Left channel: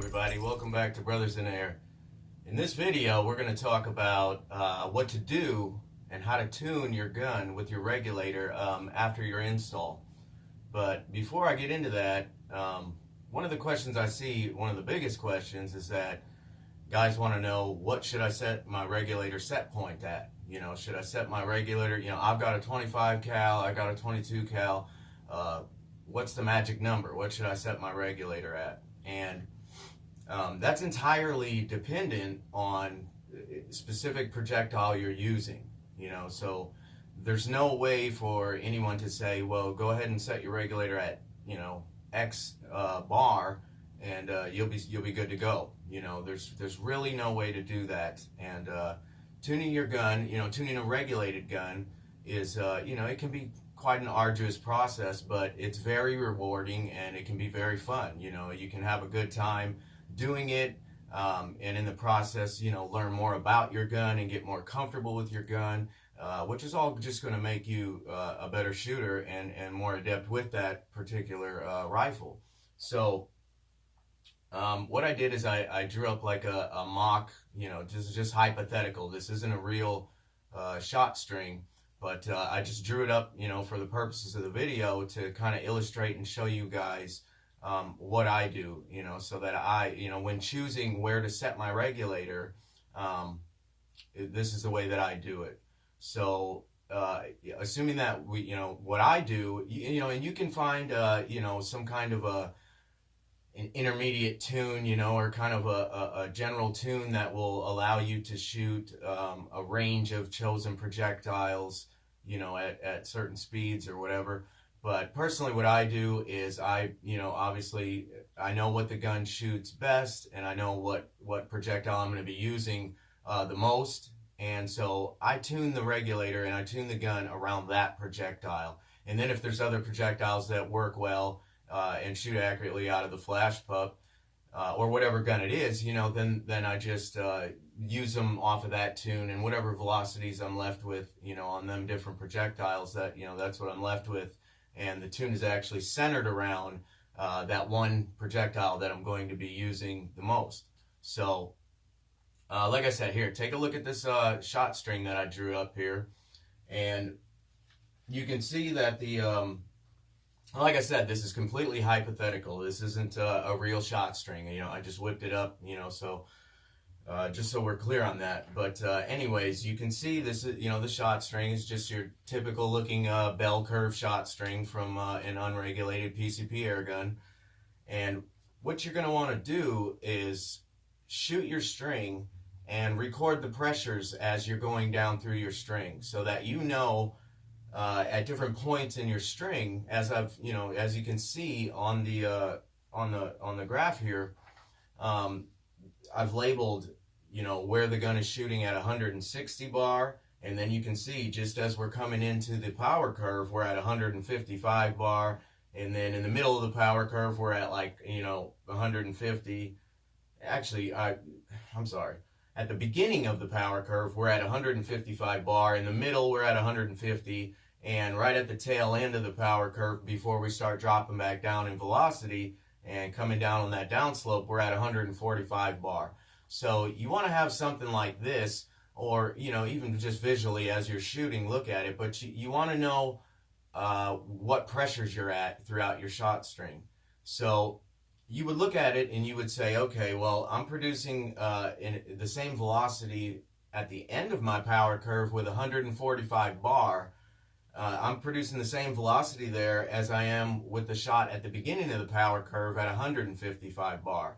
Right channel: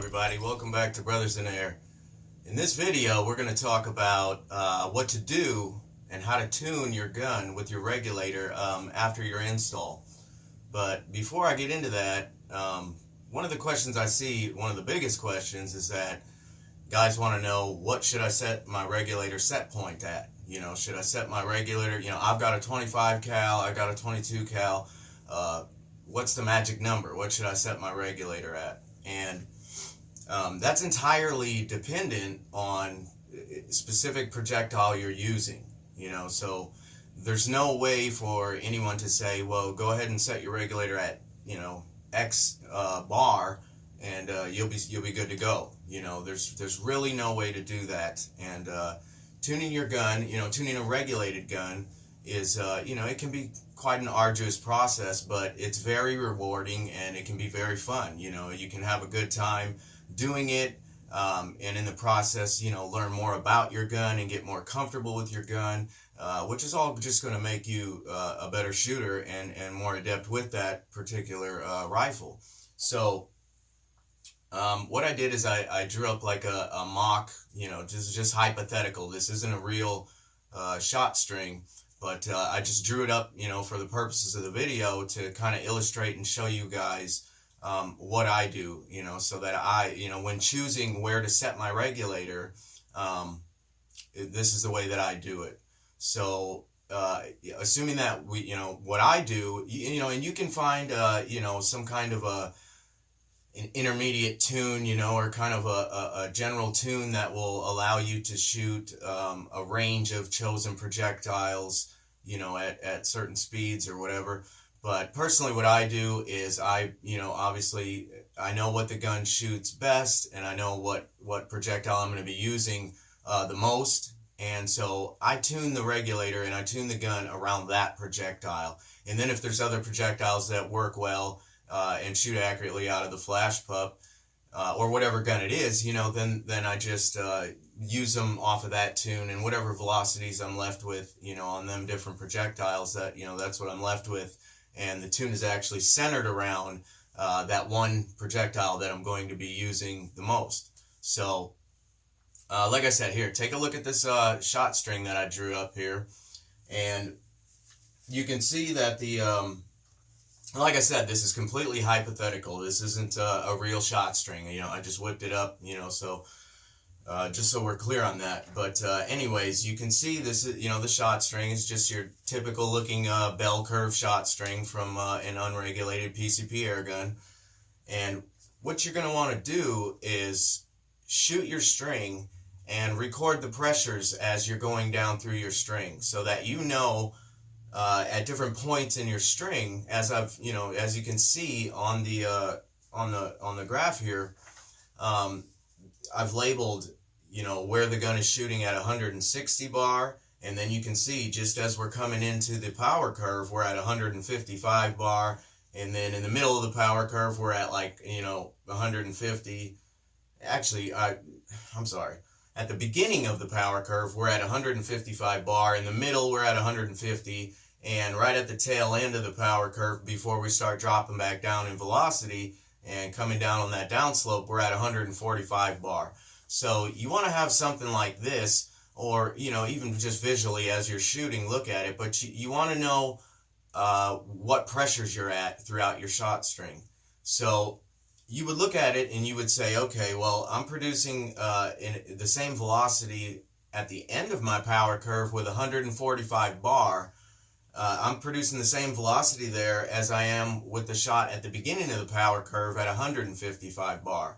everybody, welcome back to Brothers in Air. In this video we're going to talk about what to do and how to tune your gun with your regulator after your install. But before I get into that, one of the questions I see, one of the biggest questions, is that guys want to know, what should I set my regulator set point at? You know, should I set my regulator, I've got a 25 cal, I got a 22 cal, what's the magic number? What should I set my regulator at? And that's entirely dependent on specific projectile you're using, so there's no way for anyone to say, well, go ahead and set your regulator at, X bar and you'll be good to go. There's really no way to do that. And tuning your gun, tuning a regulated gun is, it can be quite an arduous process, but it's very rewarding and it can be very fun. You can have a good time doing it, and in the process, learn more about your gun and get more comfortable with your gun, which is all just going to make you a better shooter and more adept with that particular rifle. So what I did is I drew up like a mock, just hypothetical. This isn't a real shot string, but I just drew it up, for the purposes of the video to kind of illustrate and show you guys what I do, so that I, when choosing where to set my regulator, this is the way that I do it. So assuming that what I do, and you can find, some kind of an intermediate tune, or kind of a general tune that will allow you to shoot a range of chosen projectiles, at certain speeds or whatever. But personally, what I do is obviously I know what the gun shoots best, and I know what projectile I'm going to be using the most. And so I tune the regulator and I tune the gun around that projectile. And then if there's other projectiles that work well and shoot accurately out of the flash pup, or whatever gun it is, then I just use them off of that tune, and whatever velocities I'm left with, on them different projectiles, that, that's what I'm left with. And the tune is actually centered around that one projectile that I'm going to be using the most. So like I said, here, take a look at this shot string that I drew up here, and you can see that the like I said, this is completely hypothetical. This isn't a real shot string. I just whipped it up, so just so we're clear on that. But anyways, you can see this is, the shot string is just your typical looking bell curve shot string from an unregulated PCP airgun. And what you're going to want to do is shoot your string and record the pressures as you're going down through your string, so that at different points in your string, as as you can see on the graph here, I've labeled, where the gun is shooting at 160 bar, and then you can see just as we're coming into the power curve, we're at 155 bar, and then in the middle of the power curve, we're at 150. Actually, I'm sorry. At the beginning of the power curve, we're at 155 bar. In the middle, we're at 150. And right at the tail end of the power curve, before we start dropping back down in velocity and coming down on that downslope, we're at 145 bar. So you want to have something like this, or, even just visually as you're shooting, look at it. But you want to know what pressures you're at throughout your shot string. So you would look at it and you would say, okay, well, I'm producing in the same velocity at the end of my power curve with 145 bar. I'm producing the same velocity there as I am with the shot at the beginning of the power curve at 155 bar.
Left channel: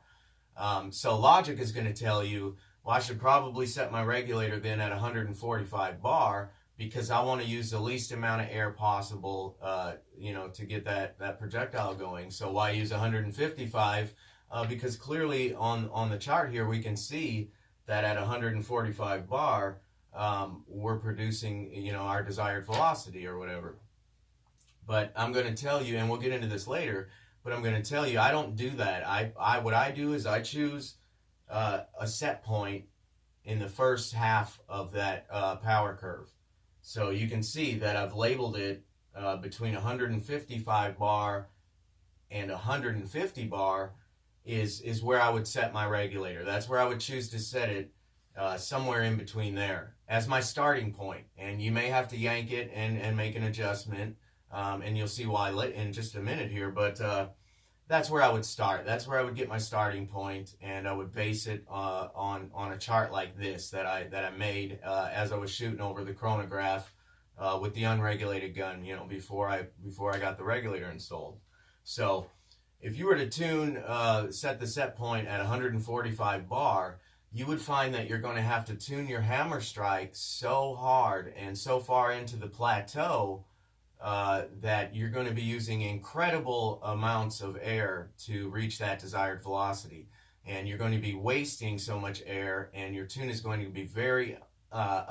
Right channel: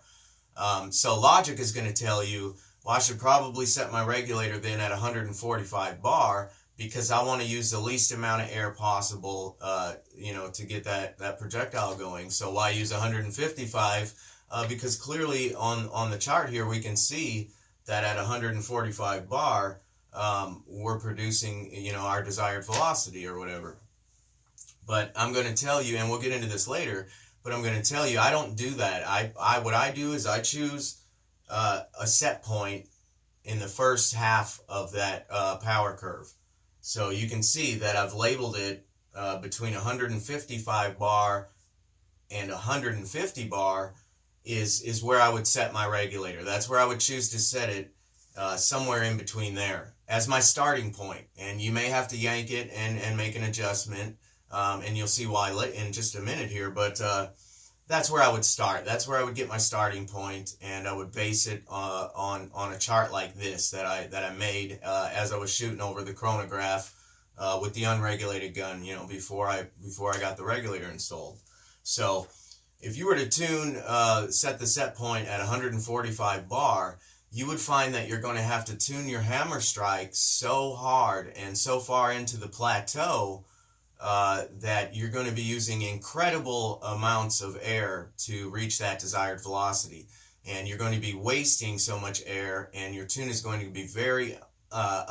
So logic is going to tell you, well, I should probably set my regulator then at 145 bar, because I want to use the least amount of air possible, to get that projectile going. So why use 155? Because clearly on the chart here, we can see that at 145 bar, we're producing, our desired velocity or whatever. But I'm going to tell you, and we'll get into this later, but I'm going to tell you, I don't do that. What I do is I choose a set point in the first half of that power curve. So you can see that I've labeled it between 155 bar and 150 bar, is where I would set my regulator. That's where I would choose to set it, somewhere in between there as my starting point. And you may have to yank it and make an adjustment, and you'll see why in just a minute here. But that's where I would start. That's where I would get my starting point, and I would base it on a chart like this that I made as I was shooting over the chronograph with the unregulated gun, before I got the regulator installed. So if you were to set the set point at 145 bar, you would find that you're going to have to tune your hammer strike so hard and so far into the plateau that you're going to be using incredible amounts of air to reach that desired velocity. And you're going to be wasting so much air, and your tune is going to be very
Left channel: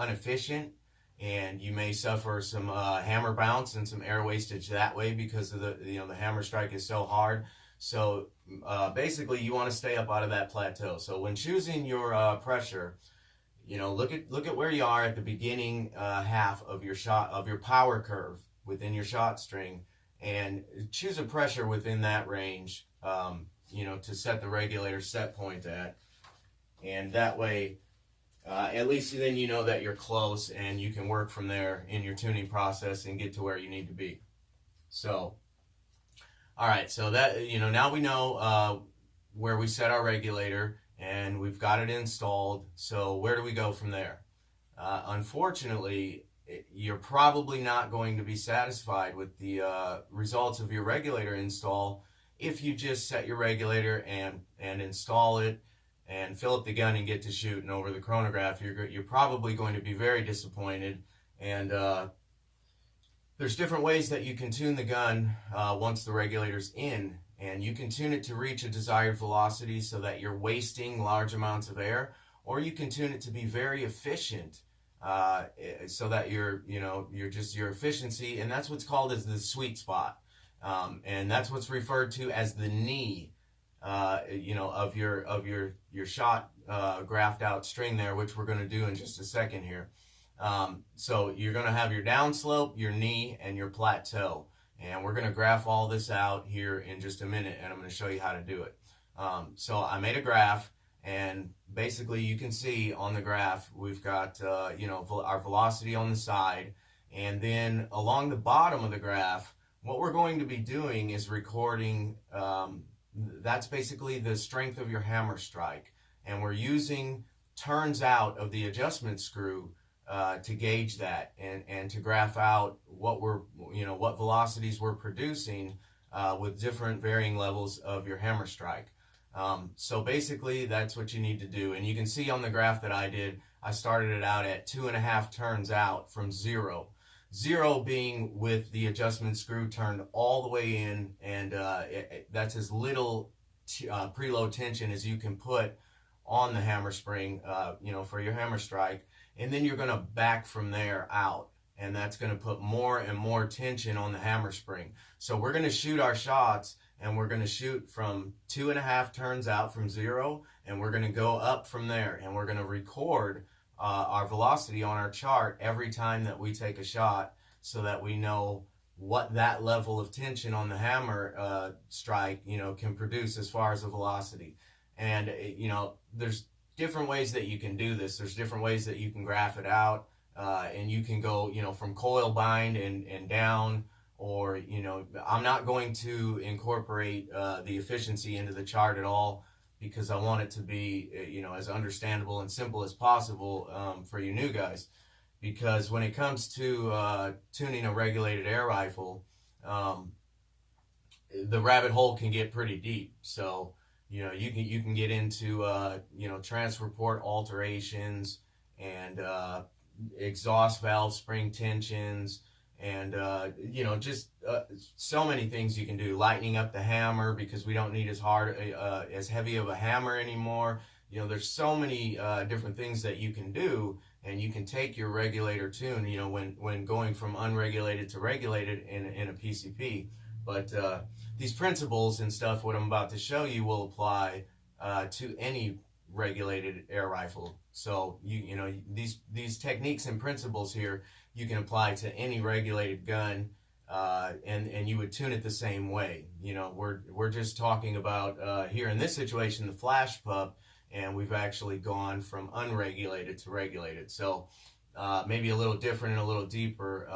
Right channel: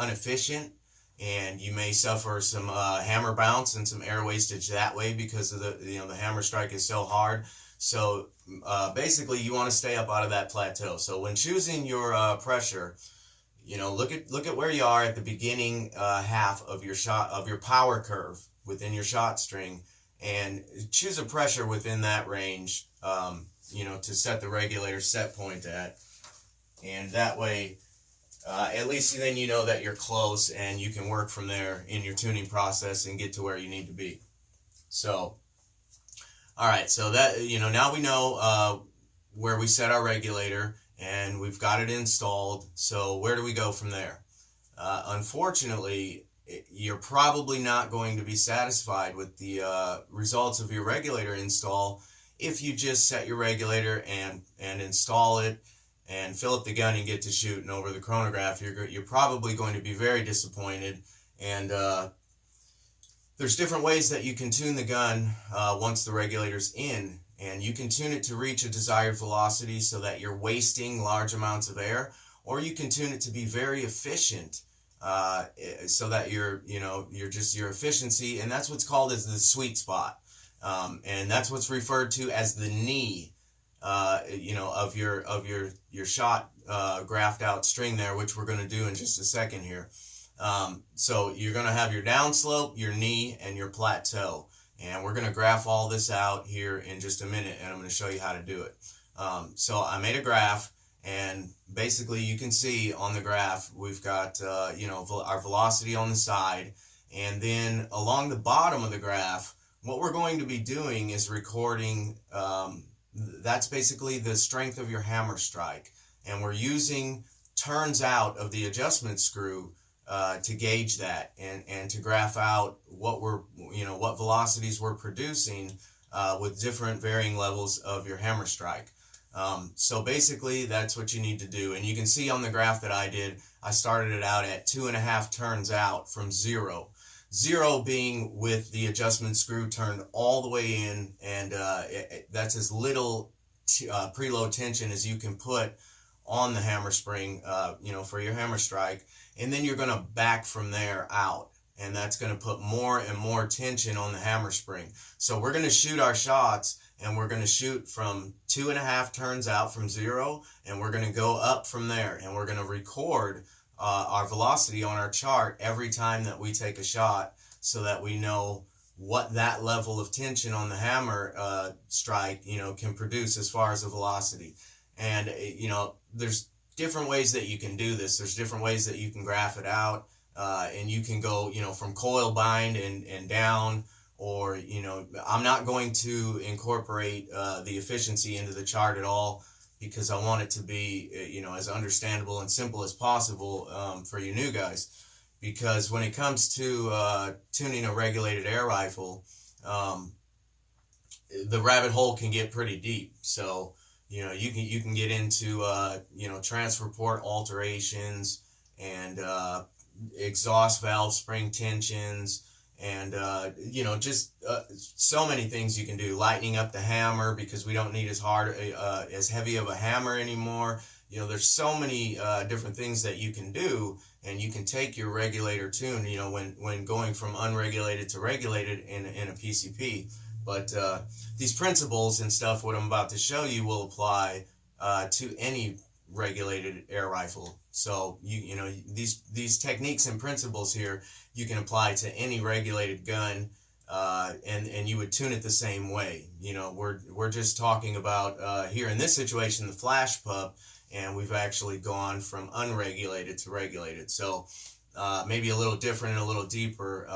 inefficient, and you may suffer some hammer bounce and some air wastage that way because of the hammer strike is so hard. So basically you want to stay up out of that plateau. So when choosing your pressure, look at where you are at the beginning half of your power curve within your shot string, and choose a pressure within that range, to set the regulator set point at. And that way, at least then you know that you're close, and you can work from there in your tuning process and get to where you need to be. So, all right, so that, now we know where we set our regulator, and we've got it installed. So where do we go from there? Unfortunately, you're probably not going to be satisfied with the results of your regulator install if you just set your regulator and install it and fill up the gun and get to shooting over the chronograph. You're probably going to be very disappointed. And there's different ways that you can tune the gun once the regulator's in, and you can tune it to reach a desired velocity so that you're wasting large amounts of air, or you can tune it to be very efficient so that your efficiency, and that's what's called as the sweet spot, and that's what's referred to as the knee, of your shot graphed out string there, which we're going to do in just a second here. So you're going to have your downslope, your knee, and your plateau. And we're going to graph all this out here in just a minute, and I'm going to show you how to do it. So I made a graph, and basically you can see on the graph we've got our velocity on the side, and then along the bottom of the graph, what we're going to be doing is recording, that's basically the strength of your hammer strike, and we're using turns out of the adjustment screw to gauge that and to graph out what what velocities we're producing with different varying levels of your hammer strike. So basically that's what you need to do. And you can see on the graph that I did, I started it out at 2.5 turns out from 0. 0 being with the adjustment screw turned all the way in, and that's as little preload tension as you can put on the hammer spring, for your hammer strike. And then you're going to back from there out, and that's going to put more and more tension on the hammer spring. So we're going to shoot our shots, and we're going to shoot from 2.5 turns out from 0, and we're going to go up from there, and we're going to record our velocity on our chart every time that we take a shot, so that we know what that level of tension on the hammer strike can produce as far as a velocity. And there's different ways that you can do this. There's different ways that you can graph it out, and you can go from coil bind and down, or I'm not going to incorporate the efficiency into the chart at all, because I want it to be as understandable and simple as possible for you new guys. Because when it comes to tuning a regulated air rifle, the rabbit hole can get pretty deep. So you can get into transfer port alterations, and exhaust valve spring tensions, and just so many things you can do. Lightening up the hammer, because we don't need as heavy of a hammer anymore. There's so many different things that you can do, and you can take your regulator tune when going from unregulated to regulated in a PCP. But these principles and stuff, what I'm about to show you, will apply to any regulated air rifle. So these techniques and principles here you can apply to any regulated gun, and you would tune it the same way. You know, we're just talking about here in this situation the flash pup, and we've actually gone from unregulated to regulated. So maybe a little different and a little deeper,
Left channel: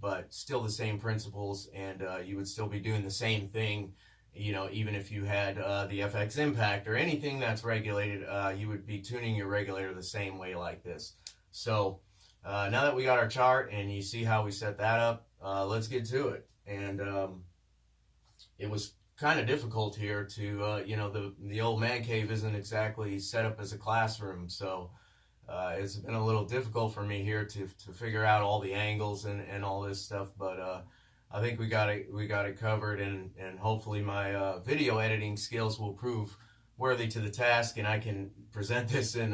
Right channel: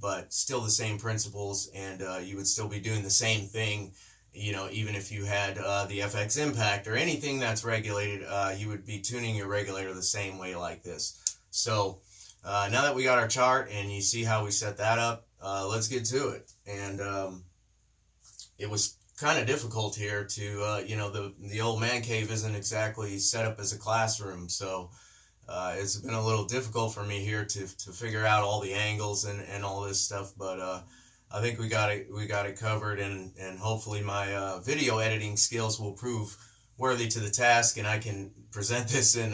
but still the same principles, and you would still be doing the same thing. You know, even if you had the FX impact or anything that's regulated, you would be tuning your regulator the same way like this. So now that we got our chart and you see how we set that up, let's get to it. And it was kind of difficult here to, you know, the old man cave isn't exactly set up as a classroom, so it's been a little difficult for me here to figure out all the angles and all this stuff, but I think we got it covered, and hopefully my video editing skills will prove worthy to the task, and I can present this in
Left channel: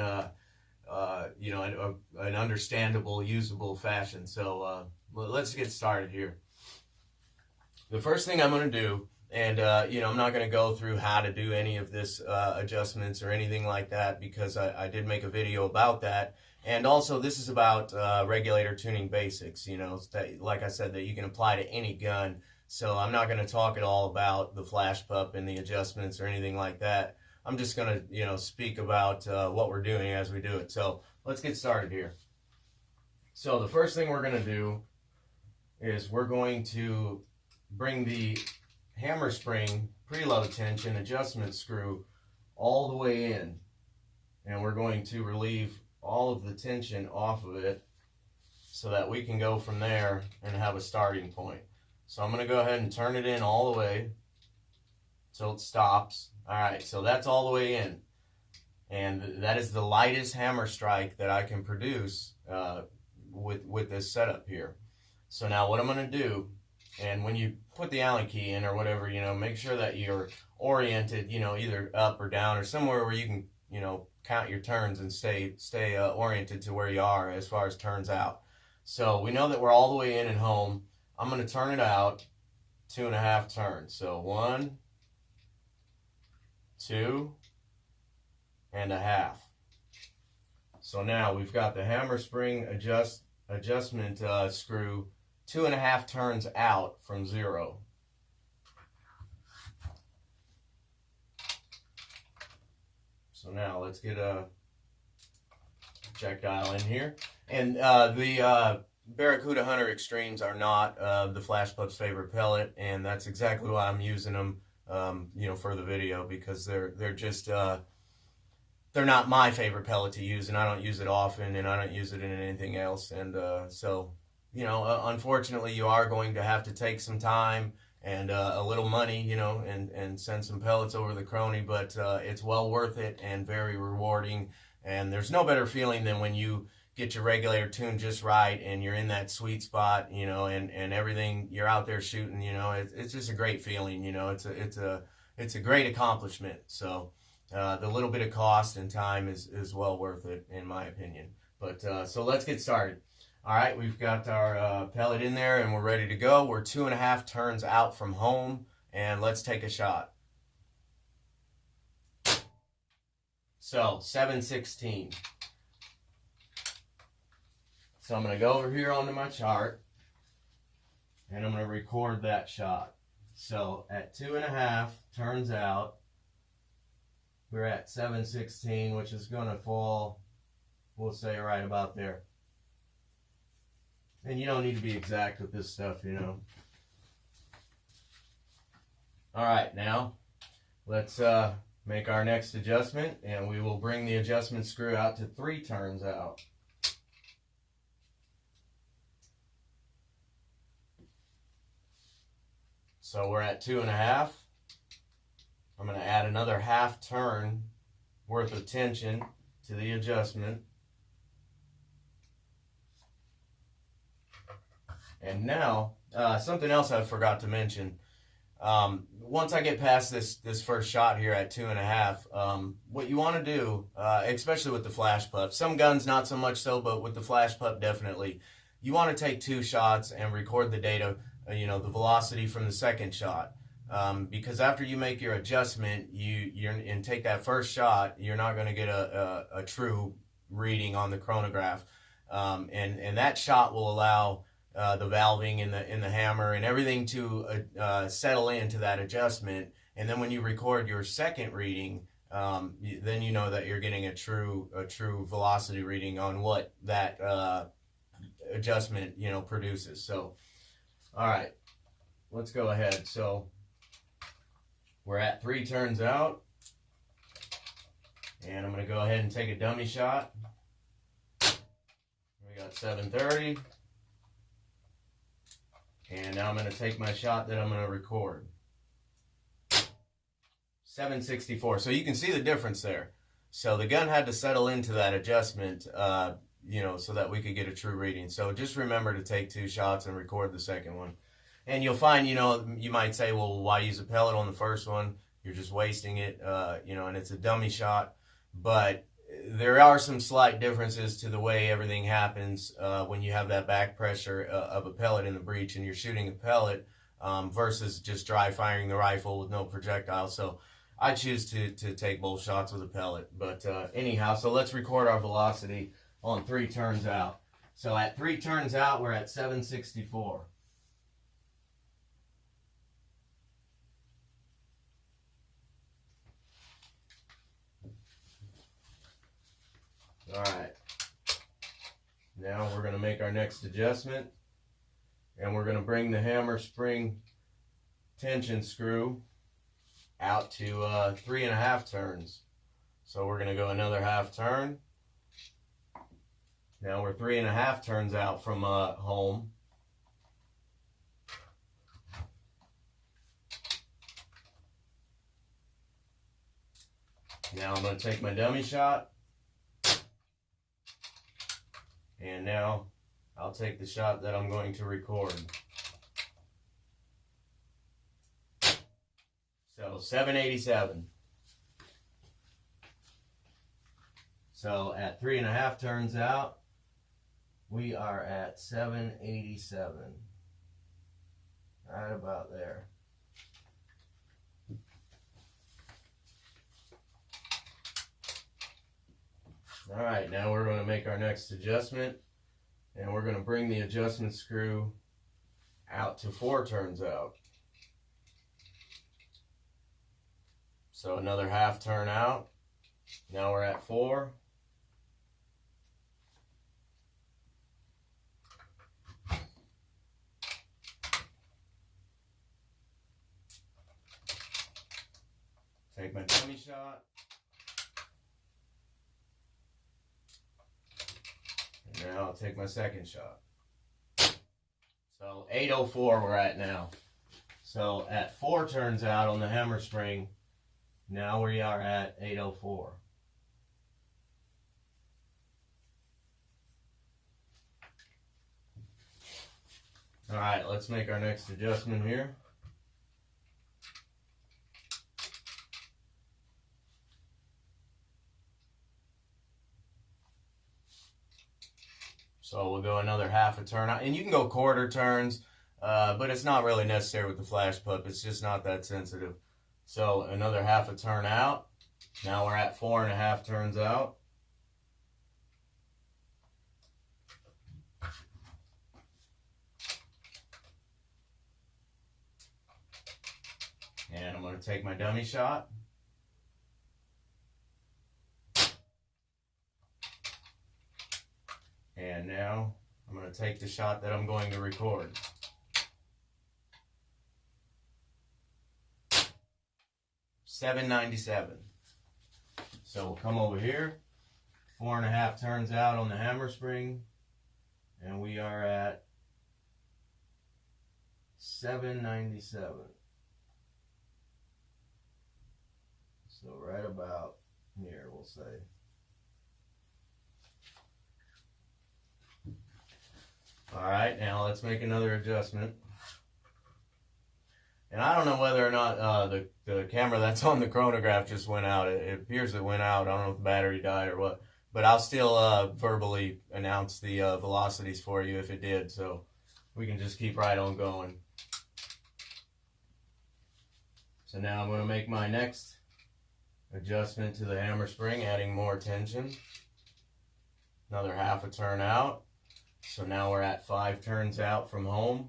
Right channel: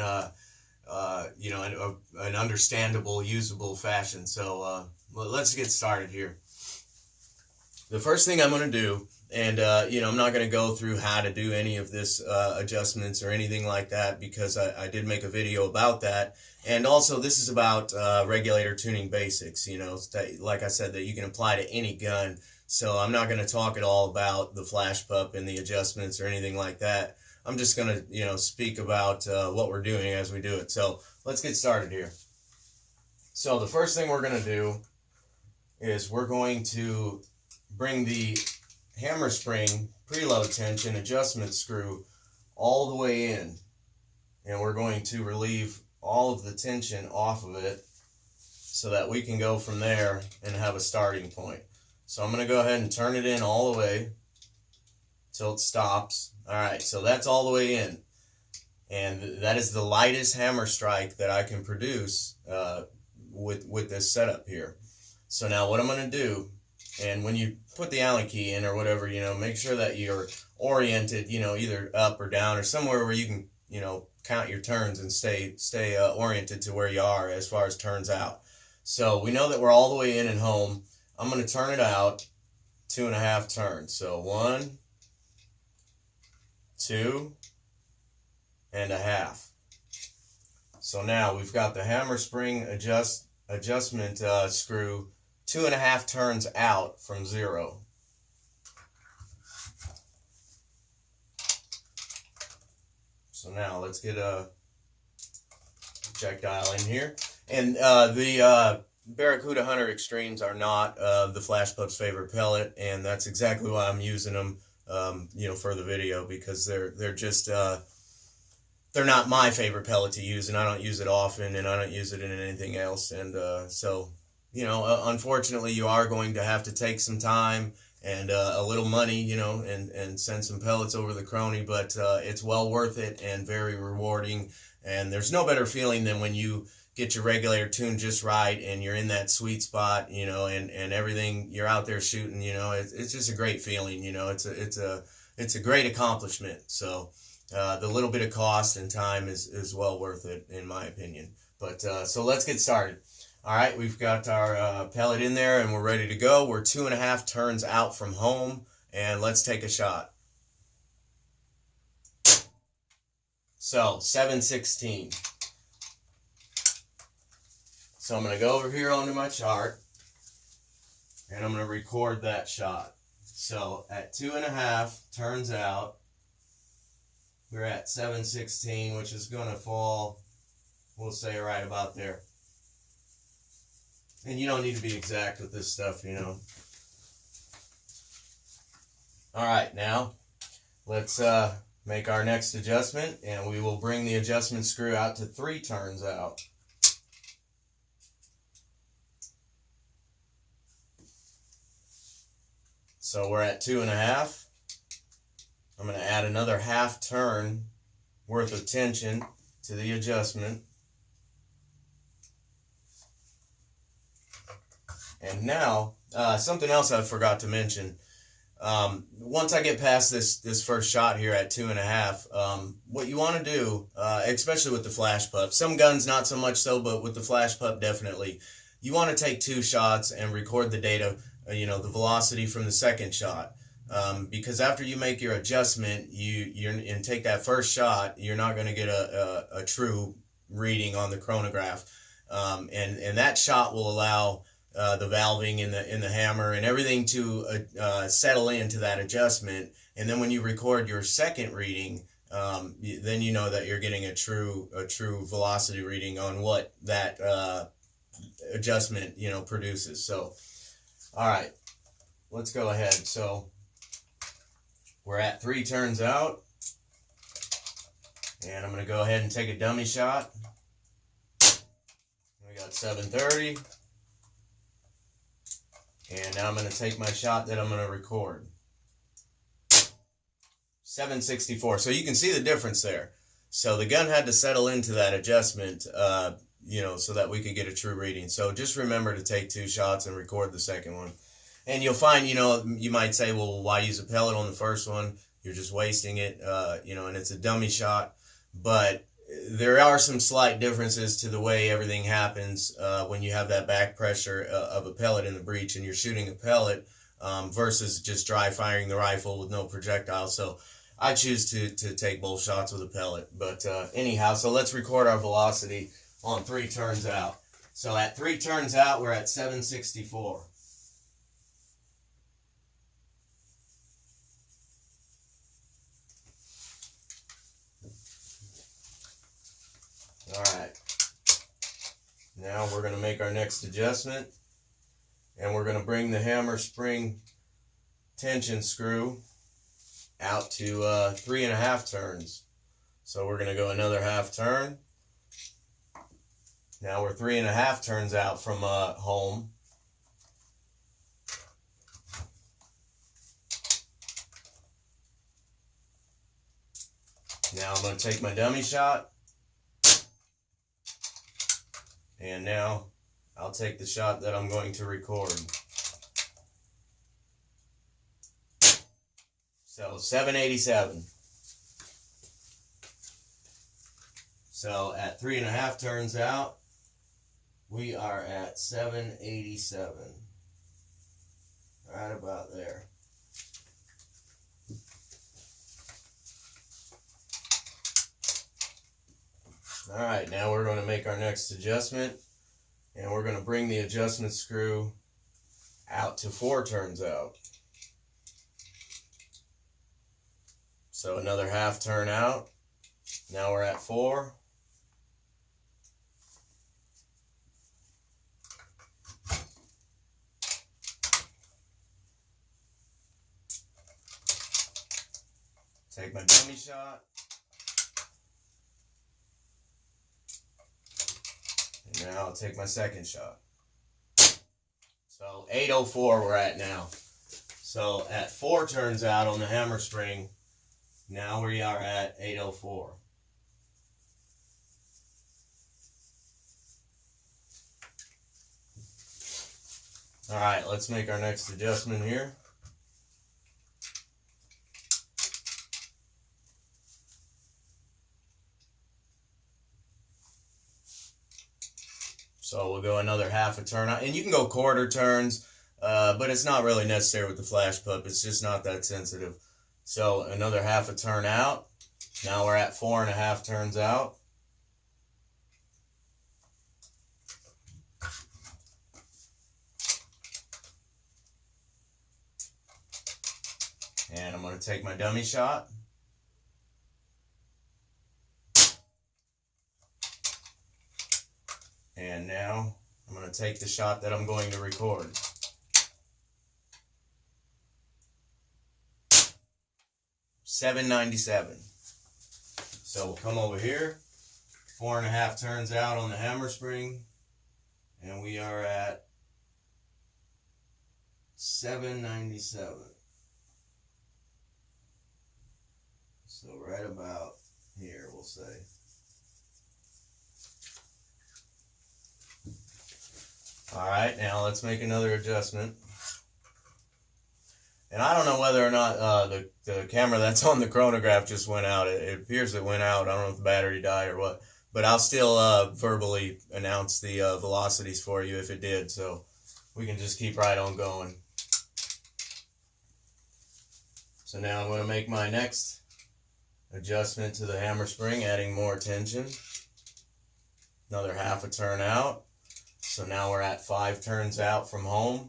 you know, an understandable, usable fashion. So let's get started here. The first thing I'm going to do, and you know, I'm not going to go through how to do any of this adjustments or anything like that, because I did make a video about that. And also, this is about regulator tuning basics, you know, that, like I said, that you can apply to any gun. So I'm not going to talk at all about the flash pup and the adjustments or anything like that. I'm just going to, you know, speak about what we're doing as we do it. So let's get started here. So the first thing we're going to do is we're going to bring the hammer spring preload tension adjustment screw all the way in, and we're going to relieve all of the tension off of it so that we can go from there and have a starting point. So I'm going to go ahead and turn it in all the way till it stops. All right, so that's all the way in, and that is the lightest hammer strike that I can produce with this setup here. So now what I'm going to do, and when you put the Allen key in or whatever, you know, make sure that you're oriented, you know, either up or down or somewhere where you can, you know, count your turns and stay oriented to where you are as far as turns out. So we know that we're all the way in and home. I'm going to turn it out 2.5 turns. So 1, 2.5. So now we've got the hammer spring adjustment screw 2.5 turns out from 0. So now let's get a projectile in here. And the Barracuda Hunter Extremes are not the Flash Pup's favorite pellet, and that's exactly why I'm using them, you know, for the video, because they're just they're not my favorite pellet to use, and I don't use it often, and I don't use it in anything else. And so, you know, unfortunately, you are going to have to take some time and a little money, you know, and send some pellets over the crony, but it's well worth it and very rewarding. And there's no better feeling than when you get your regulator tuned just right and you're in that sweet spot, you know, and everything, you're out there shooting, you know, it's just a great feeling, you know, it's a great accomplishment. So the little bit of cost and time is well worth it, in my opinion. But so let's get started. All right, we've got our pellet in there and we're ready to go. We're 2.5 turns out from home, and let's take a shot. So 7/16. So I'm going to go over here onto my chart and I'm going to record that shot. So at 2.5 turns out, we're at 7/16, which is going to fall, we'll say, right about there. And you don't need to be exact with this stuff, you know. All right, now let's make our next adjustment, and we will bring the adjustment screw out to 3 turns out. So we're at 2.5. I'm going to add another 1/2 turn worth of tension to the adjustment. And now, something else I forgot to mention. Once I get past this first shot here at 2.5, what you want to do, especially with the flash pup, some guns not so much so, but with the flash pup definitely, you want to take 2 shots and record the data, you know, the velocity from the second shot. Because after you make your adjustment, and take that first shot, you're not going to get a true reading on the chronograph. And that shot will allow the valving in the hammer and everything to settle into that adjustment. And then when you record your second reading, then you know that you're getting a true velocity reading on what that adjustment produces. So, all right, let's go ahead. So we're at 3 turns out, and I'm going to go ahead and take a dummy shot. We got 730. And now I'm going to take my shot that I'm going to record. 764. So you can see the difference there. So the gun had to settle into that adjustment, so that we could get a true reading. So just remember to take 2 shots and record the second one. And you'll find, you might say, well, why use a pellet on the first one? You're just wasting it, and it's a dummy shot. But there are some slight differences to the way everything happens when you have that back pressure of a pellet in the breech and you're shooting a pellet versus just dry firing the rifle with no projectile. So I choose to take both shots with a pellet. But anyhow, so let's record our velocity on 3 turns out. So at 3 turns out, we're at 764. All right, now we're going to make our next adjustment, and we're going to bring the hammer spring tension screw out to 3.5 turns. So we're going to go another half turn. Now we're 3.5 turns out from home. Now I'm going to take my dummy shot. And now I'll take the shot that I'm going to record. So 787. So at 3.5 turns out, we are at 787. Right about there. All right, now we're going to make our next adjustment, and we're going to bring the adjustment screw out to 4 turns out. So another half turn out. Now we're at 4. Take my dummy shot. And now I'll take my second shot. So 804 we're at now. So at 4 turns out on the hammer spring, now we are at 804. All right, let's make our next adjustment here. So we'll go another half a turn out, and you can go quarter turns, but it's not really necessary with the flash pup. It's just not that sensitive. So another half a turn out. Now we're at 4.5 turns out. And I'm going to take my dummy shot. And now I'm going to take the shot that I'm going to record. $7.97. So we'll come over here, 4.5 turns out on the hammer spring, and we are at $7.97. So right about here, we'll say. All right, now let's make another adjustment. And I don't know whether or not the camera that's on the chronograph just went out. It appears it went out. I don't know if the battery died or what. But I'll still verbally announce the velocities for you if it did. So we can just keep right on going. So now I'm going to make my next adjustment to the hammer spring, adding more tension. Another half a turn out. So now we're at 5 turns out from home.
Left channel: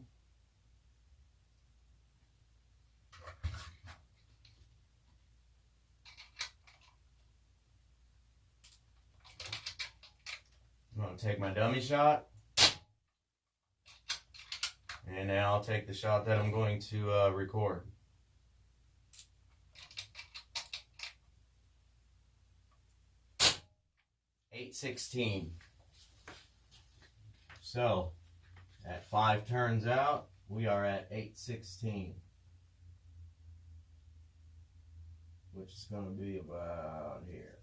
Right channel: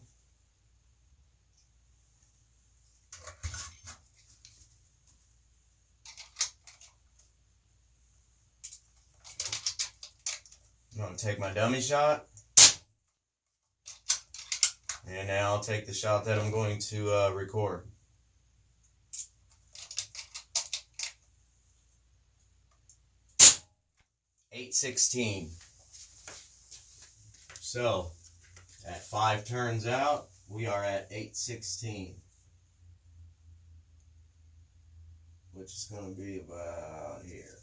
I'm going to take my dummy shot. And now I'll take the shot that I'm going to record. .816. So, at 5 turns out, we are at .816. Which is going to be about here.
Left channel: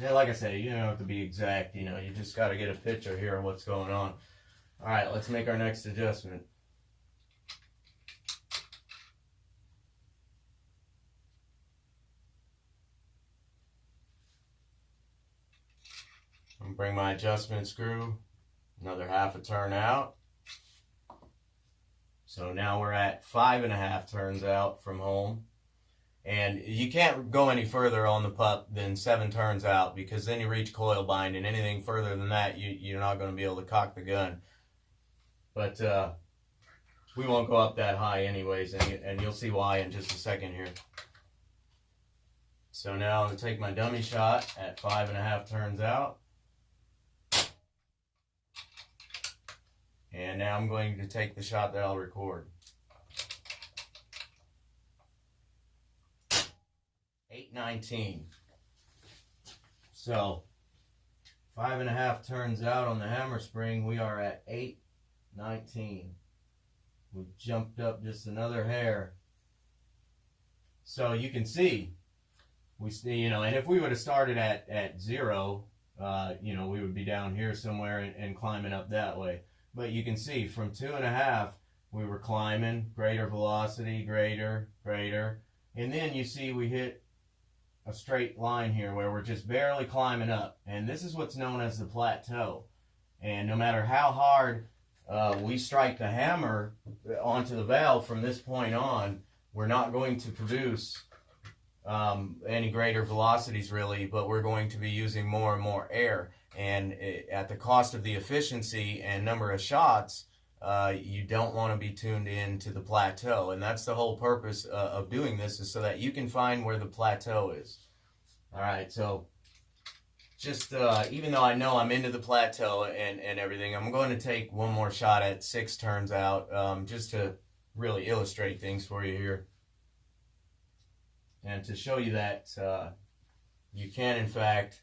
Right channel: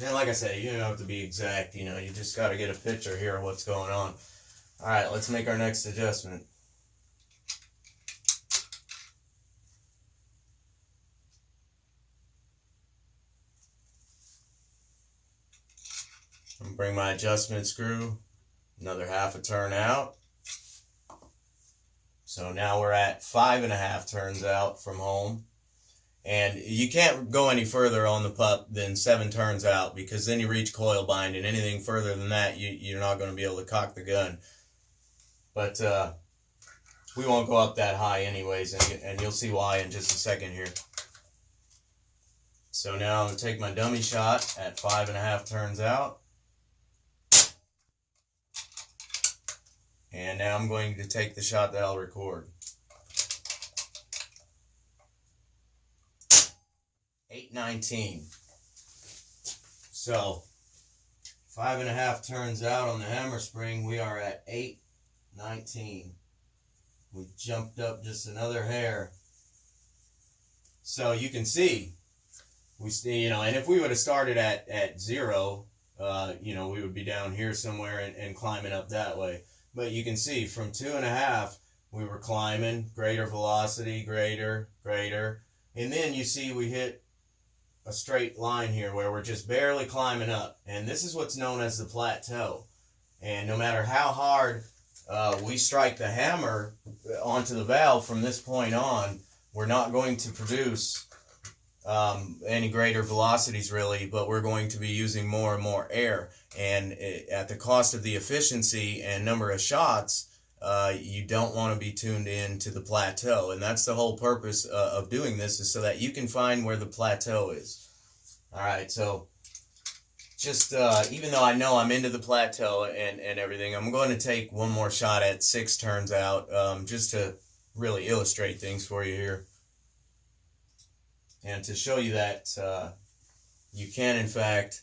Yeah, like I said, you don't have to be exact, you know, you just got to get a picture here of what's going on. Alright, let's make our next adjustment. And bring my adjustment screw another half a turn out. So now we're at 5.5 turns out from home. And you can't go any further on the pup than 7 turns out, because then you reach coil bind, and anything further than that, you're not going to be able to cock the gun. But we won't go up that high anyways, and you'll see why in just a second here. So now I'm going to take my dummy shot at 5.5 turns out. And now I'm going to take the shot that I'll record. 819. So 5.5 turns out on the hammer spring, we are at 819. We jumped up just another hair. So you can see, you know, and if we would have started at 0, you know, we would be down here somewhere and climbing up that way. But you can see from 2.5, we were climbing, greater velocity, greater. And then you see we hit a straight line here where we're just barely climbing up. And this is what's known as the plateau. And no matter how hard we strike the hammer onto the valve from this point on, we're not going to produce any greater velocities really, but we're going to be using more and more air. And at the cost of the efficiency and number of shots, you don't want to be tuned in to the plateau. And that's the whole purpose of doing this, is so that you can find where the plateau is. Alright, so just even though I know I'm into the plateau and everything, I'm going to take one more shot at 6 turns out, just to really illustrate things for you here. And to show you that you can, in fact,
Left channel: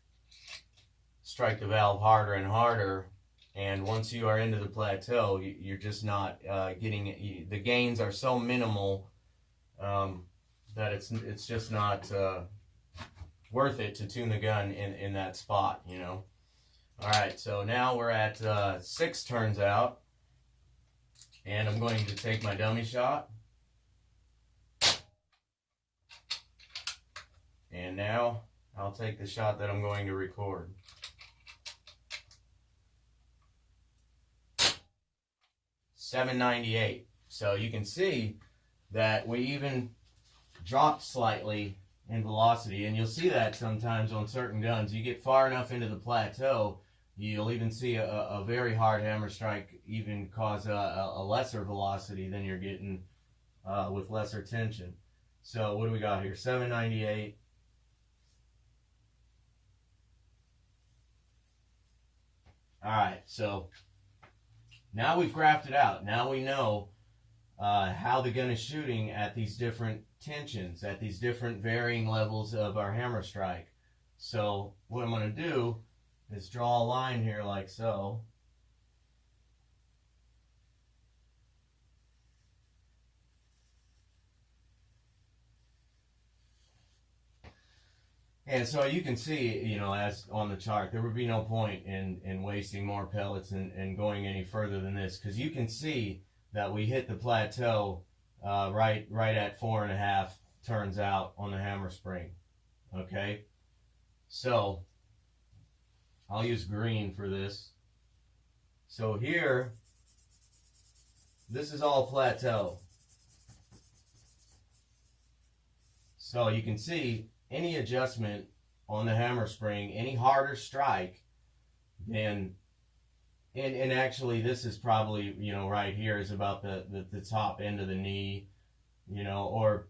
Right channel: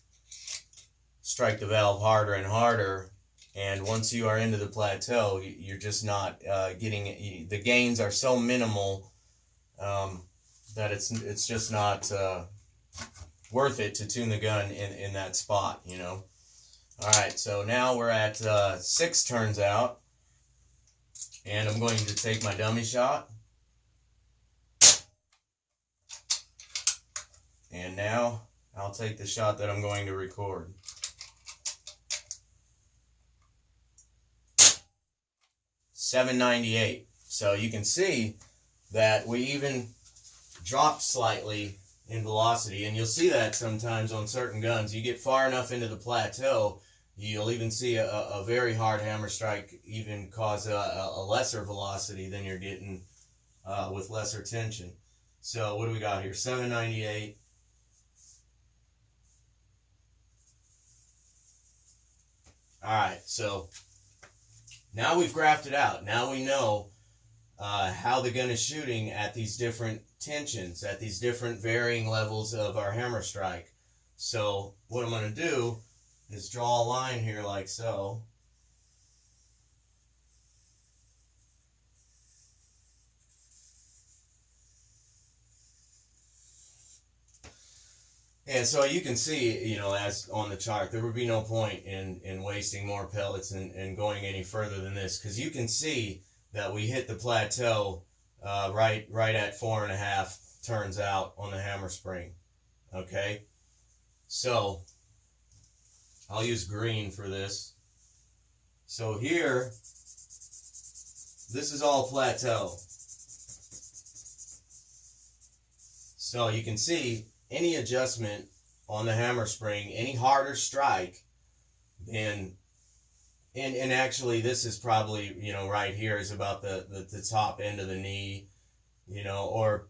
strike the valve harder and harder, and once you are into the plateau, you're just not getting, the gains are so minimal that it's just not worth it to tune the gun in that spot, you know. Alright, so now we're at 6 turns out, and I'm going to take my dummy shot. And now I'll take the shot that I'm going to record. .798. So you can see that we even dropped slightly in velocity, and you'll see that sometimes on certain guns. You get far enough into the plateau, you'll even see a very hard hammer strike even cause a lesser velocity than you're getting with lesser tension. So what do we got here? 798. Alright, so now we've graphed it out. Now we know how the gun is shooting at these different tensions, at these different varying levels of our hammer strike. So what I'm going to do is draw a line here like so. And so you can see, you know, as on the chart, there would be no point in wasting more pellets and going any further than this, because you can see that we hit the plateau right at 4.5 turns out on the hammer spring. Okay, so I'll use green for this. So here, this is all plateau. So you can see any adjustment on the hammer spring, any harder strike, and actually this is probably, you know, right here is about the top end of the knee, you know, or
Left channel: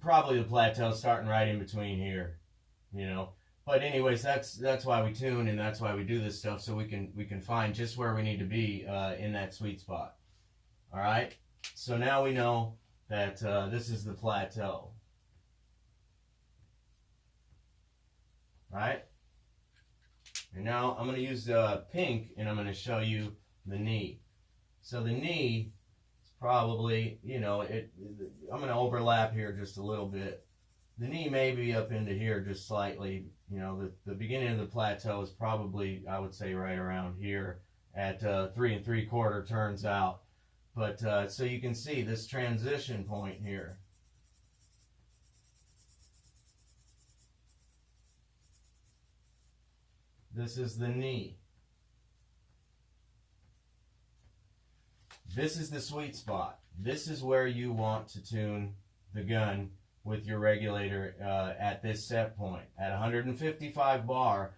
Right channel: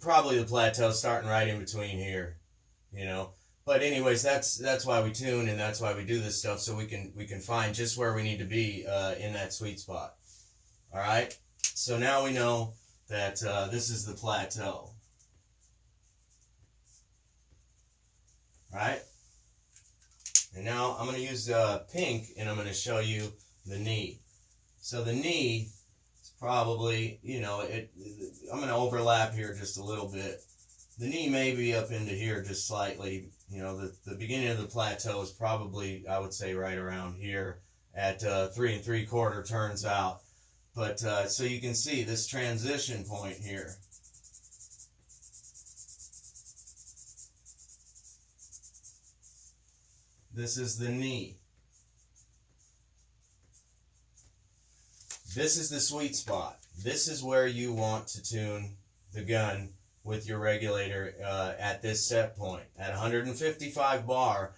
probably the plateau starting right in between here, you know. But anyways, that's why we tune, and that's why we do this stuff, so we can find just where we need to be in that sweet spot. All right. So now we know that this is the plateau. All right. And now I'm going to use pink, and I'm going to show you the knee. So the knee is probably, you know, I'm going to overlap here just a little bit. The knee may be up into here just slightly. You know, the beginning of the plateau is probably, I would say, right around here at 3 3/4 turns out. But so you can see this transition point here. This is the knee. This is the sweet spot. This is where you want to tune the gun with your regulator at this set point. At 155 bar,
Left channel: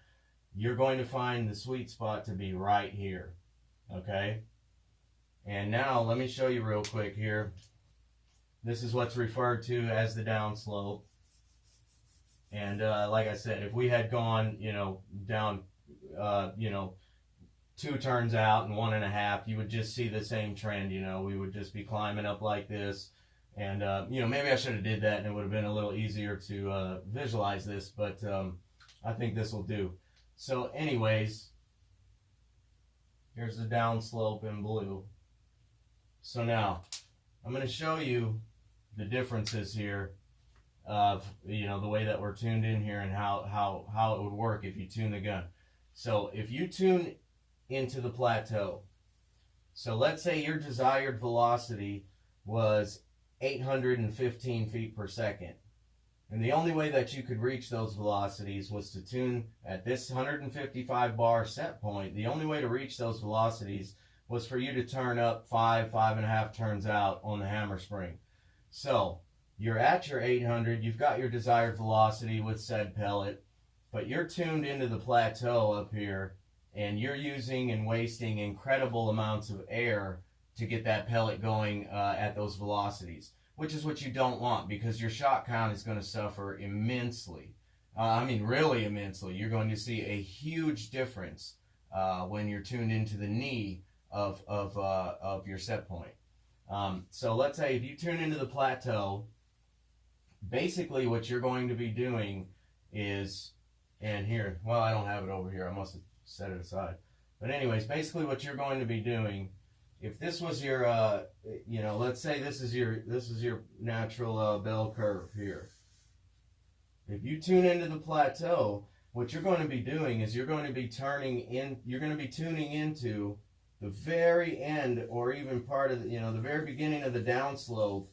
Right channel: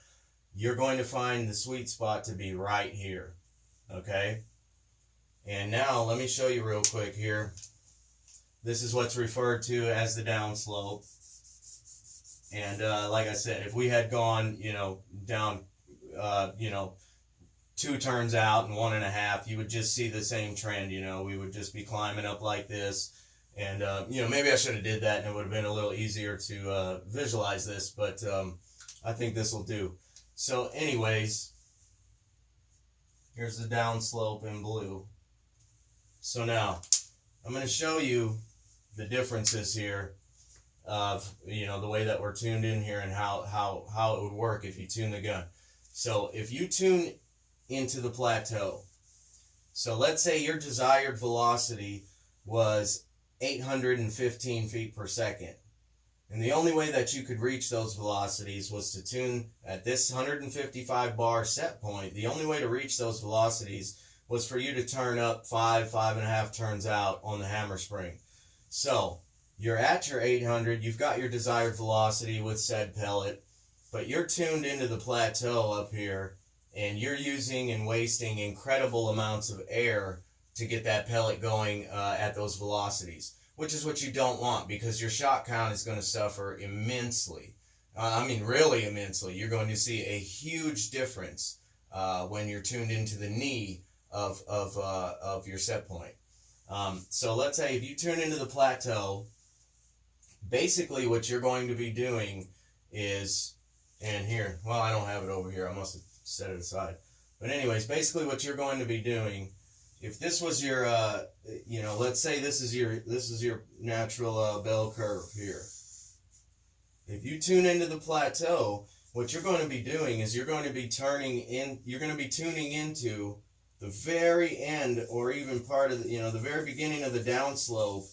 you're going to find the sweet spot to be right here. Okay? And now let me show you real quick here. This is what's referred to as the downslope. And like I said, if we had gone, you know, down, you know, 2 turns out and 1.5, you would just see the same trend. You know, we would just be climbing up like this. And, you know, maybe I should have did that, and it would have been a little easier to visualize this, but I think this will do. So anyways, here's the downslope in blue. So now I'm going to show you the differences here of, you know, the way that we're tuned in here and how it would work if you tune the gun. So if you tune into the plateau, so let's say your desired velocity was 815 feet per second, and the only way that you could reach those velocities was to tune at this 155 bar set point. The only way to reach those velocities was for you to turn up 5.5 turns out on the hammer spring. So you're at your 800, you've got your desired velocity with said pellet, but you're tuned into the plateau up here, and you're using and wasting incredible amounts of air to get that pellet going at those velocities, which is what you don't want, because your shot count is going to suffer immensely. I mean, really immensely. You're going to see a huge difference when you're tuned into the knee of your set point. So let's say if you tune into the plateau, basically what you're going to be doing is, and here, well, I don't have it over here. I must have set it aside. But anyways, basically what you're going to be doing, if this was your, you know, let's say this is your natural bell curve here. If you tune into the plateau, what you're going to be doing is you're going to be tuning into the very end, or even part of the, you know, the very beginning of the downslope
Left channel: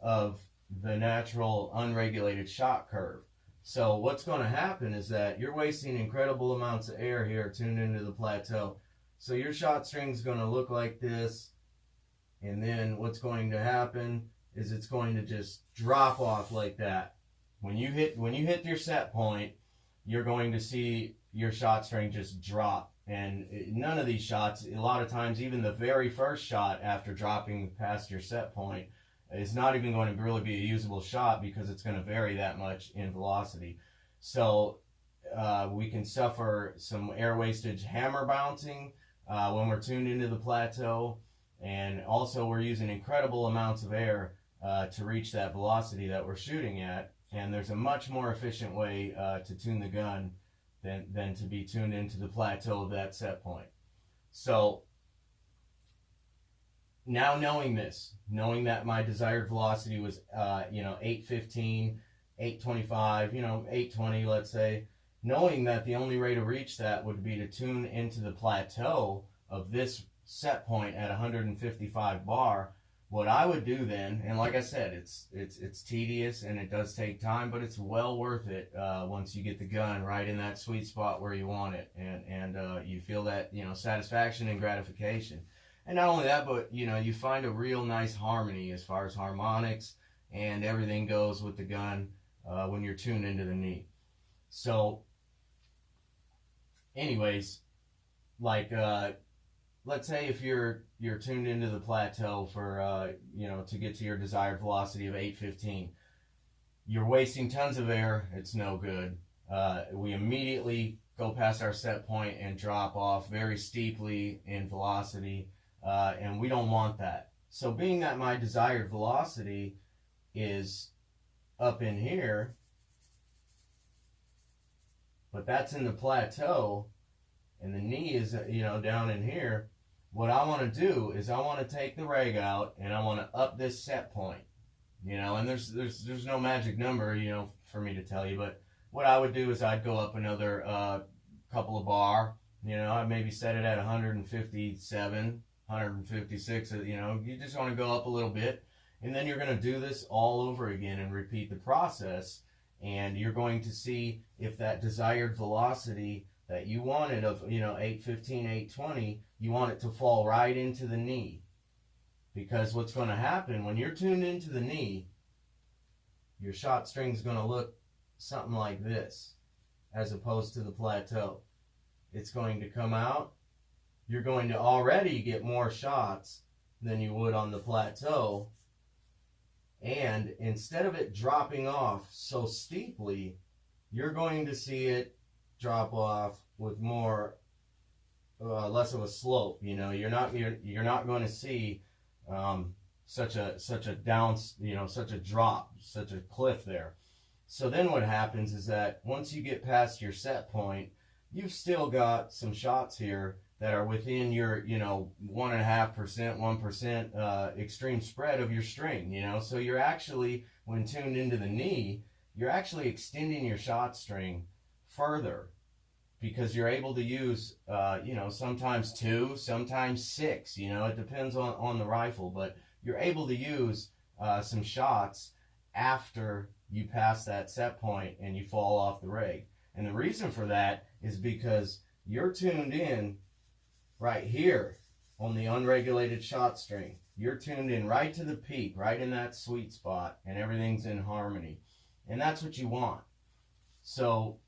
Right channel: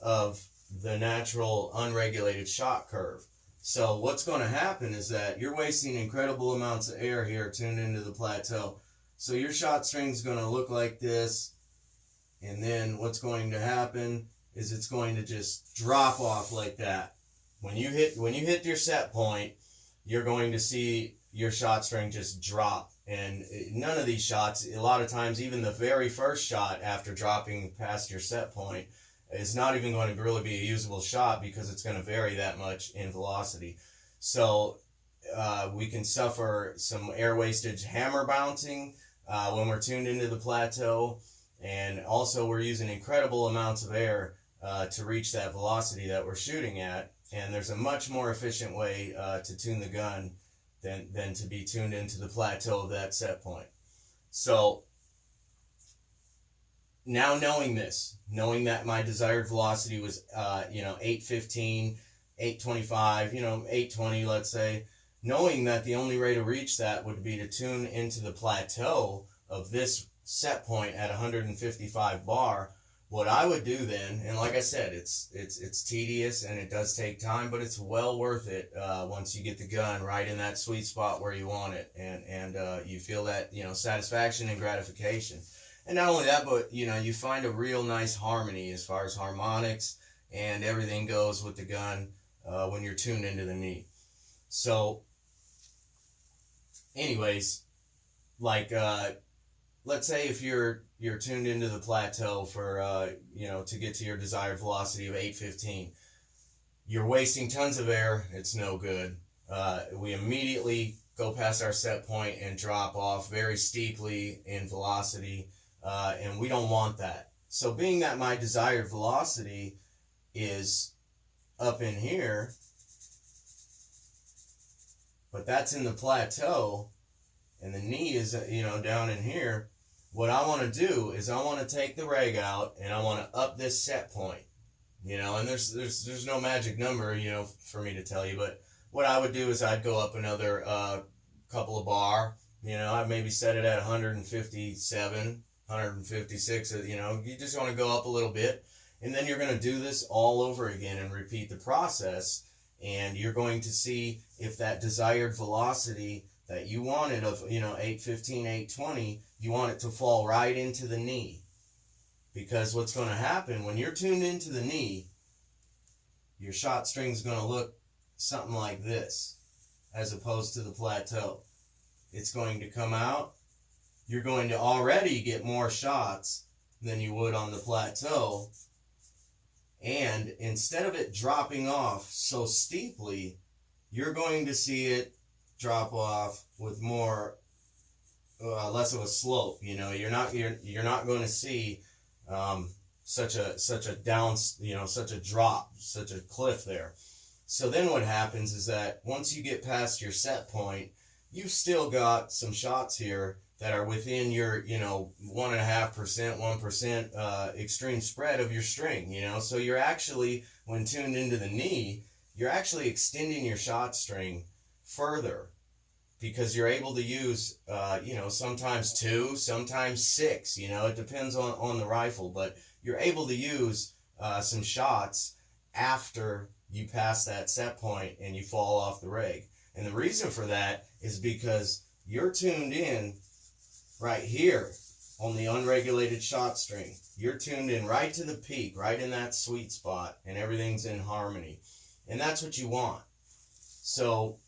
of the natural unregulated shot curve. So what's going to happen is that you're wasting incredible amounts of air here tuned into the plateau. So your shot string is going to look like this, and then what's going to happen is it's going to just drop off like that. When you hit your set point, you're going to see your shot string just drop. And none of these shots, a lot of times, even the very first shot after dropping past your set point, is not even going to really be a usable shot, because it's going to vary that much in velocity. So we can suffer some air wastage, hammer bouncing when we're tuned into the plateau, and also we're using incredible amounts of air to reach that velocity that we're shooting at. And there's a much more efficient way to tune the gun than to be tuned into the plateau of that set point. So now knowing this, knowing that my desired velocity was, you know, 815, 825, you know, 820, let's say, knowing that the only way to reach that would be to tune into the plateau of this set point at 155 bar, what I would do then, and like I said, it's tedious and it does take time, but it's well worth it once you get the gun right in that sweet spot where you want it, and you feel that, you know, satisfaction and gratification. And not only that, but, you know, you find a real nice harmony as far as harmonics and everything goes with the gun when you're tuned into the knee. So anyways, like let's say if you're tuned into the plateau for to get to your desired velocity of 815, you're wasting tons of air. It's no good. We immediately go past our set point and drop off very steeply in velocity, and we don't want that. So being that my desired velocity is up in here, but that's in the plateau, and the knee is down in here, what I want to do is I want to take the reg out and I want to up this set point, and there's no magic number for me to tell you, but what I would do is I'd go up another couple of bar, I'd maybe set it at 157, 156, you just want to go up a little bit, and then you're going to do this all over again and repeat the process, and you're going to see if that desired velocity that you wanted of 815, 820, you want it to fall right into the knee. Because what's going to happen when you're tuned into the knee, your shot string is going to look something like this as opposed to the plateau. It's going to come out. You're going to already get more shots than you would on the plateau, and instead of it dropping off so steeply, you're going to see it drop off with more less of a slope. You're not going to see such a down, such a drop, such a cliff there. So then what happens is that once you get past your set point, you've still got some shots here that are within your 1.5%, 1% extreme spread of your string. So you're actually, when tuned into the knee, you're actually extending your shot string further, because you're able to use sometimes 2, sometimes 6, it depends on the rifle, but you're able to use some shots after you pass that set point and you fall off the reg. And the reason for that is because you're tuned in right here on the unregulated shot string. You're tuned in right to the peak, right in that sweet spot, and everything's in harmony. And that's what you want. So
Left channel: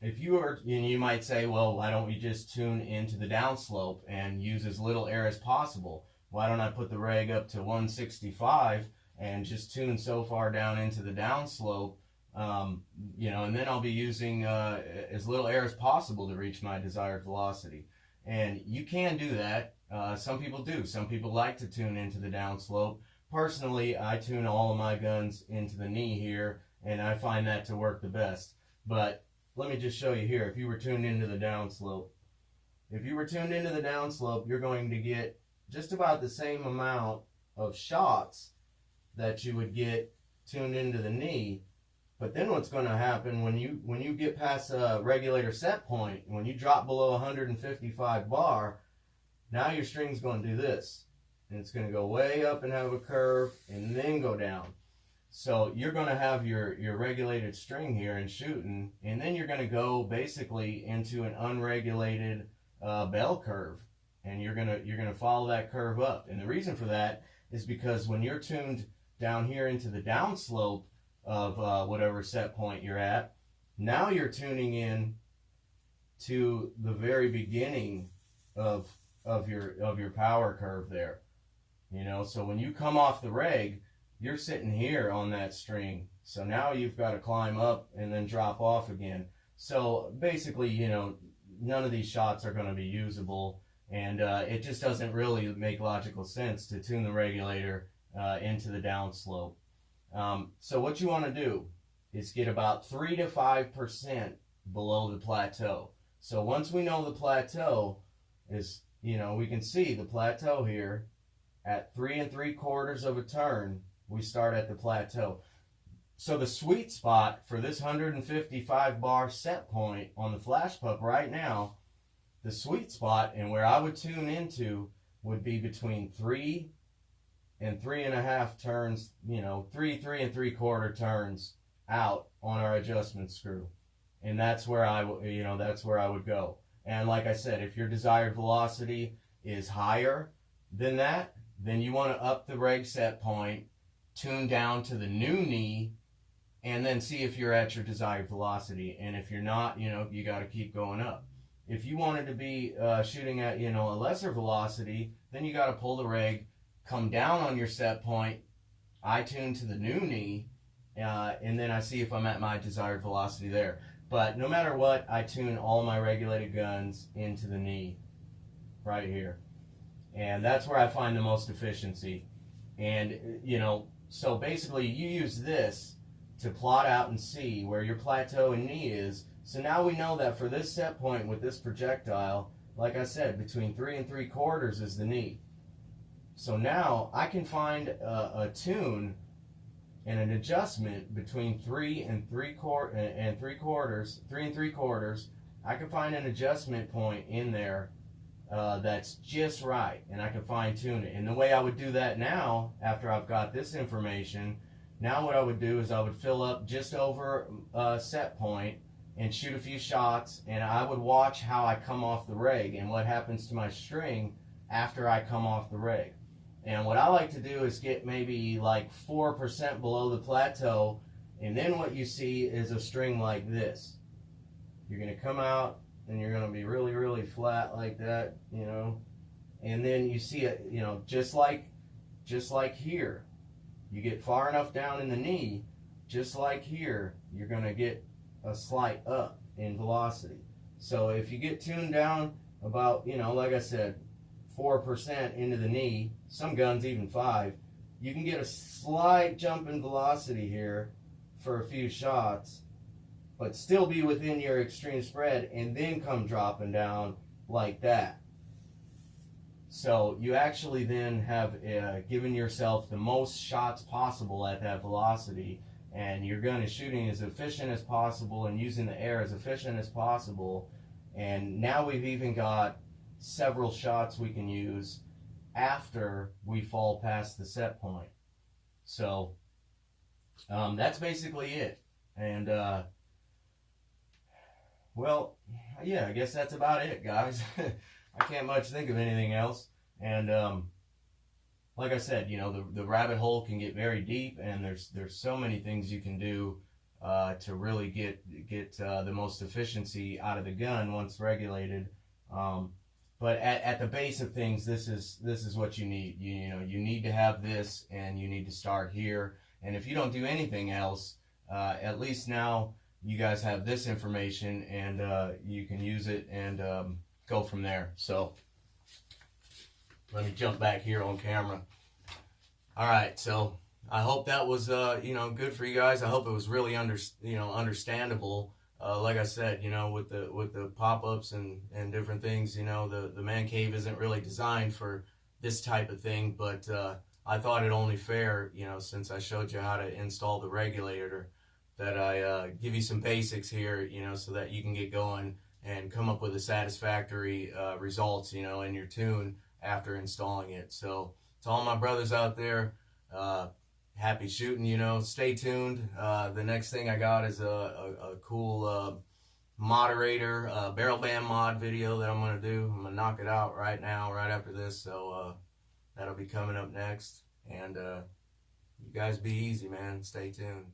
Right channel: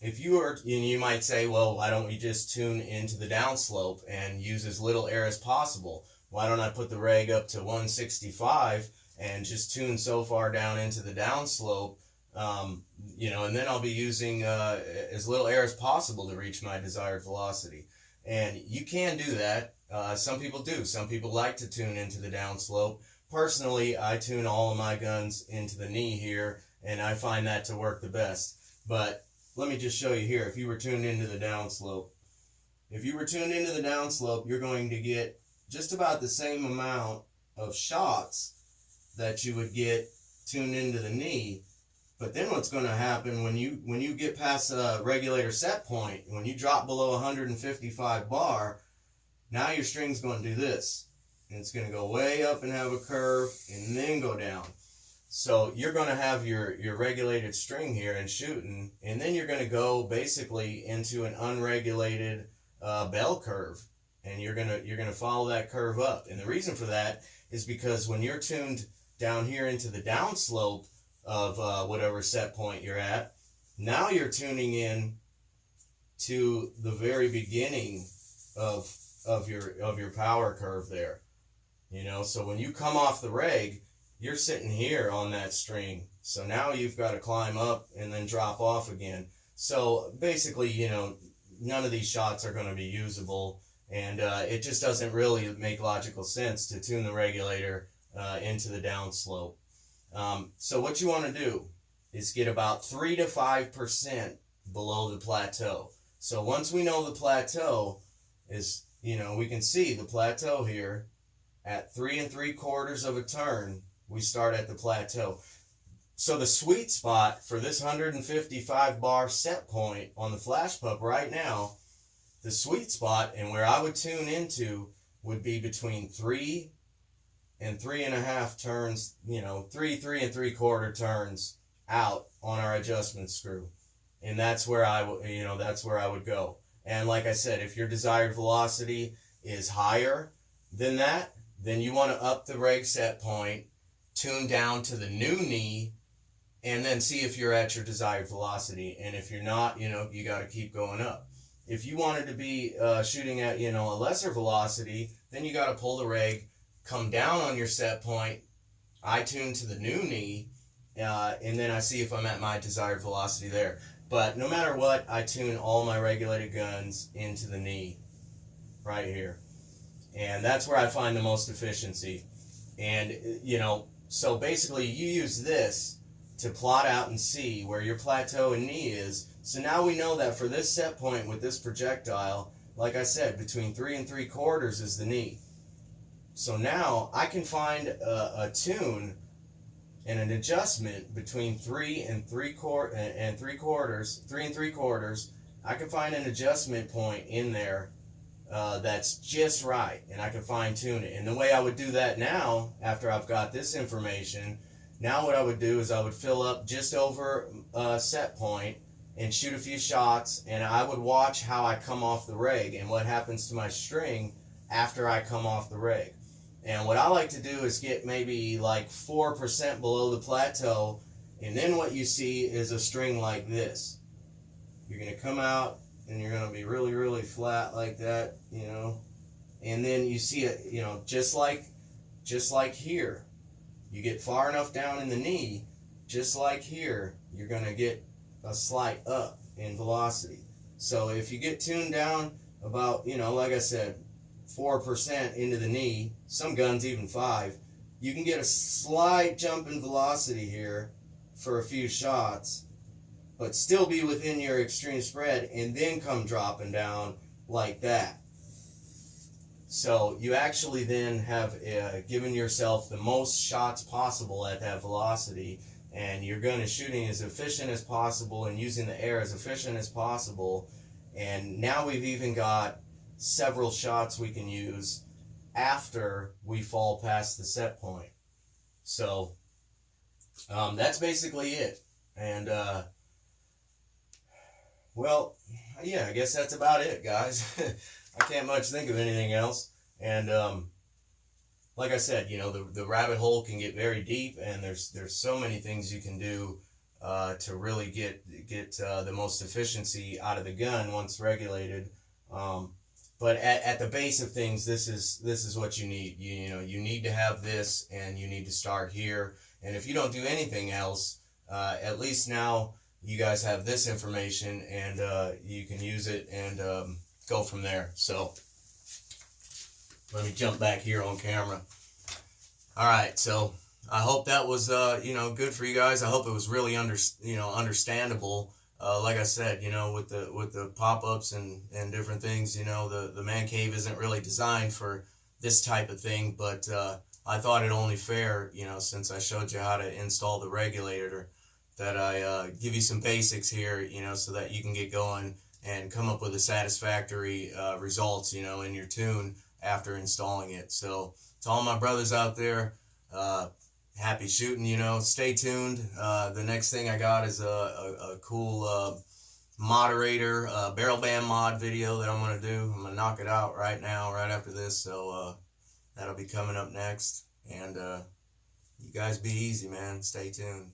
if you are, you might say, well, why don't we just tune into the downslope and use as little air as possible? Why don't I put the reg up to 165 and just tune so far down into the downslope, and then I'll be using as little air as possible to reach my desired velocity. And you can do that. Some people do. Some people like to tune into the downslope. Personally, I tune all of my guns into the knee here, and I find that to work the best. But let me just show you here. If you were tuned into the downslope, you're going to get just about the same amount of shots that you would get tuned into the knee. But then what's going to happen when you get past a regulator set point, when you drop below 155 bar, now your string's going to do this. And it's going to go way up and have a curve and then go down. So you're going to have your regulated string here and shooting, and then you're going to go basically into an unregulated bell curve, and you're going to follow that curve up. And the reason for that is because when you're tuned down here into the downslope of whatever set point you're at, now you're tuning in to the very beginning of your power curve there. So when you come off the reg, you're sitting here on that string. So now you've got to climb up and then drop off again. So basically, none of these shots are going to be usable, and it just doesn't really make logical sense to tune the regulator into the downslope. So what you want to do is get about 3 to 5% below the plateau. So once we know the plateau is, we can see the plateau here at 3 3/4 of a turn. We start at the plateau. So the sweet spot for this 155 bar set point on the flash pup right now, the sweet spot and where I would tune into would be between 3 and 3.5 turns, 3 3 3/4 turns out on our adjustment screw. And that's where I would go. And like I said, if your desired velocity is higher than that, then you want to up the reg set point, tune down to the new knee, and then see if you're at your desired velocity. And if you're not, you got to keep going up. If you wanted to be shooting at, you know, a lesser velocity, then you got to pull the reg, come down on your set point. I tune to the new knee, and then I see if I'm at my desired velocity there. But no matter what, I tune all my regulated guns into the knee right here. And that's where I find the most efficiency. And, you know, so basically you use this to plot out and see where your plateau and knee is. So now we know that for this set point with this projectile, like I said, between 3 3/4 is the knee. So now I can find a tune and an adjustment between 3 3/4. I can find an adjustment point in there that's just right, and I can fine tune it. And the way I would do that now, after I've got this information, now what I would do is I would fill up just over set point and shoot a few shots, and I would watch how I come off the reg and what happens to my string after I come off the reg. And what I like to do is get maybe like 4% below the plateau, and then what you see is a string like this. You're going to come out and you're going to be really, really flat like that, you know, and then you see it, you know, just like here. You get far enough down in the knee, just like here, you're going to get a slight up in velocity. So if you get tuned down about, you know, like I said, 4% into the knee, some guns even 5, you can get a slight jump in velocity here for a few shots, but still be within your extreme spread, and then come dropping down like that. So you actually then have given yourself the most shots possible at that velocity, and your gun is shooting as efficient as possible and using the air as efficient as possible. And now we've even got several shots we can use after we fall past the set point. So that's basically it. And well, yeah, I guess that's about it, guys. I can't much think of anything else. And like I said, you know, the rabbit hole can get very deep, and there's so many things you can do to really get the most efficiency out of the gun once regulated. But at the base of things, this is what you need. You know, you need to have this, and you need to start here. And if you don't do anything else, at least now you guys have this information, and you can use it and go from there. So let me jump back here on camera. All right, so I hope that was you know, good for you guys. I hope it was really understandable. Like I said, you know, with the pop-ups and different things, you know, the man cave isn't really designed for this type of thing, but I thought it only fair, you know, since I showed you how to install the regulator, that I give you some basics here, you know, so that you can get going and come up with a satisfactory results, you know, in your tune after installing it. So to all my brothers out there, happy shooting, you know, stay tuned. The next thing I got is a cool moderator, barrel band mod video that I'm going to do. I'm going to knock it out right now, right after this. So that'll be coming up next. And you guys be easy, man. Stay tuned.